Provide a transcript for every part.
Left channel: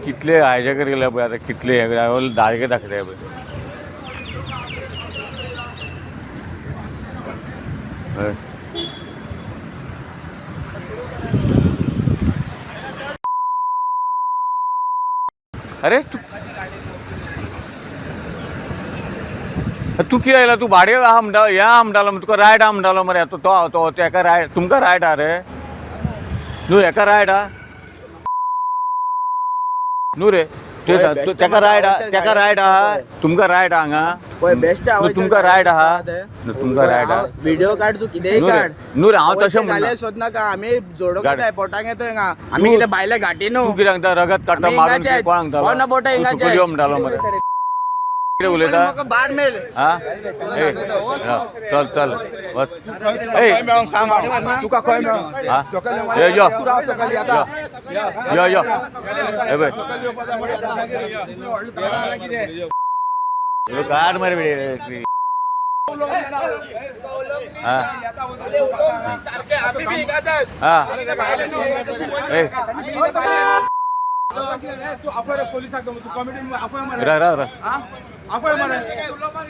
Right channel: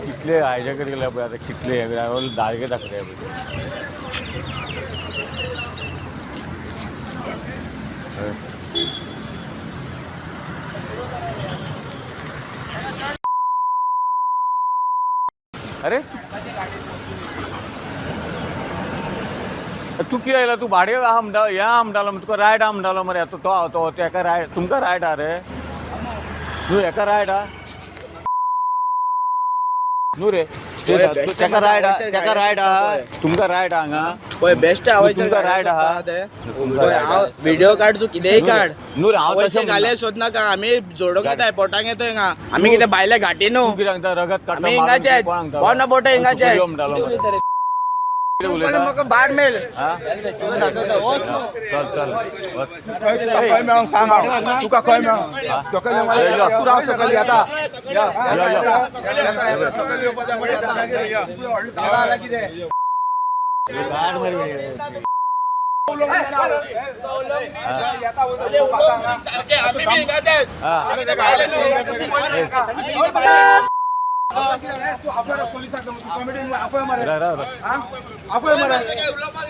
कितले आयजे गेले पळय आता कितले दायके दाखले अरे तू किती आयला तू भाडे आमडा या आमडाला तुका रायड आमडालो मरे तो एका रायड तुमका रायड हा रे तू एका रायड हा नु रे तेका रायड हा तुमका रायड हांगा बेस्ट तुमका रायड हा तुमका रायड व्हिडिओ काढ तू कितेंय काढ नु रे हांव तशें घाले सोद नाका आम्ही जोडोंक येताय पोटांक येतोय हांगा आम्ही कितें भायले घाटी न्हू कितें सांगता रगत काडटा बोना बोटा हिंगाचे म्हणटालो मरे म्हाका बाट मेल चल चल तुका खंय गाड मरे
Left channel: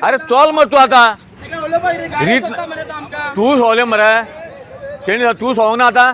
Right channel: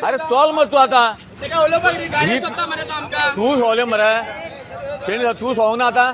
अरे चल मग तू आता तू सोवले मरे तू सोवना आता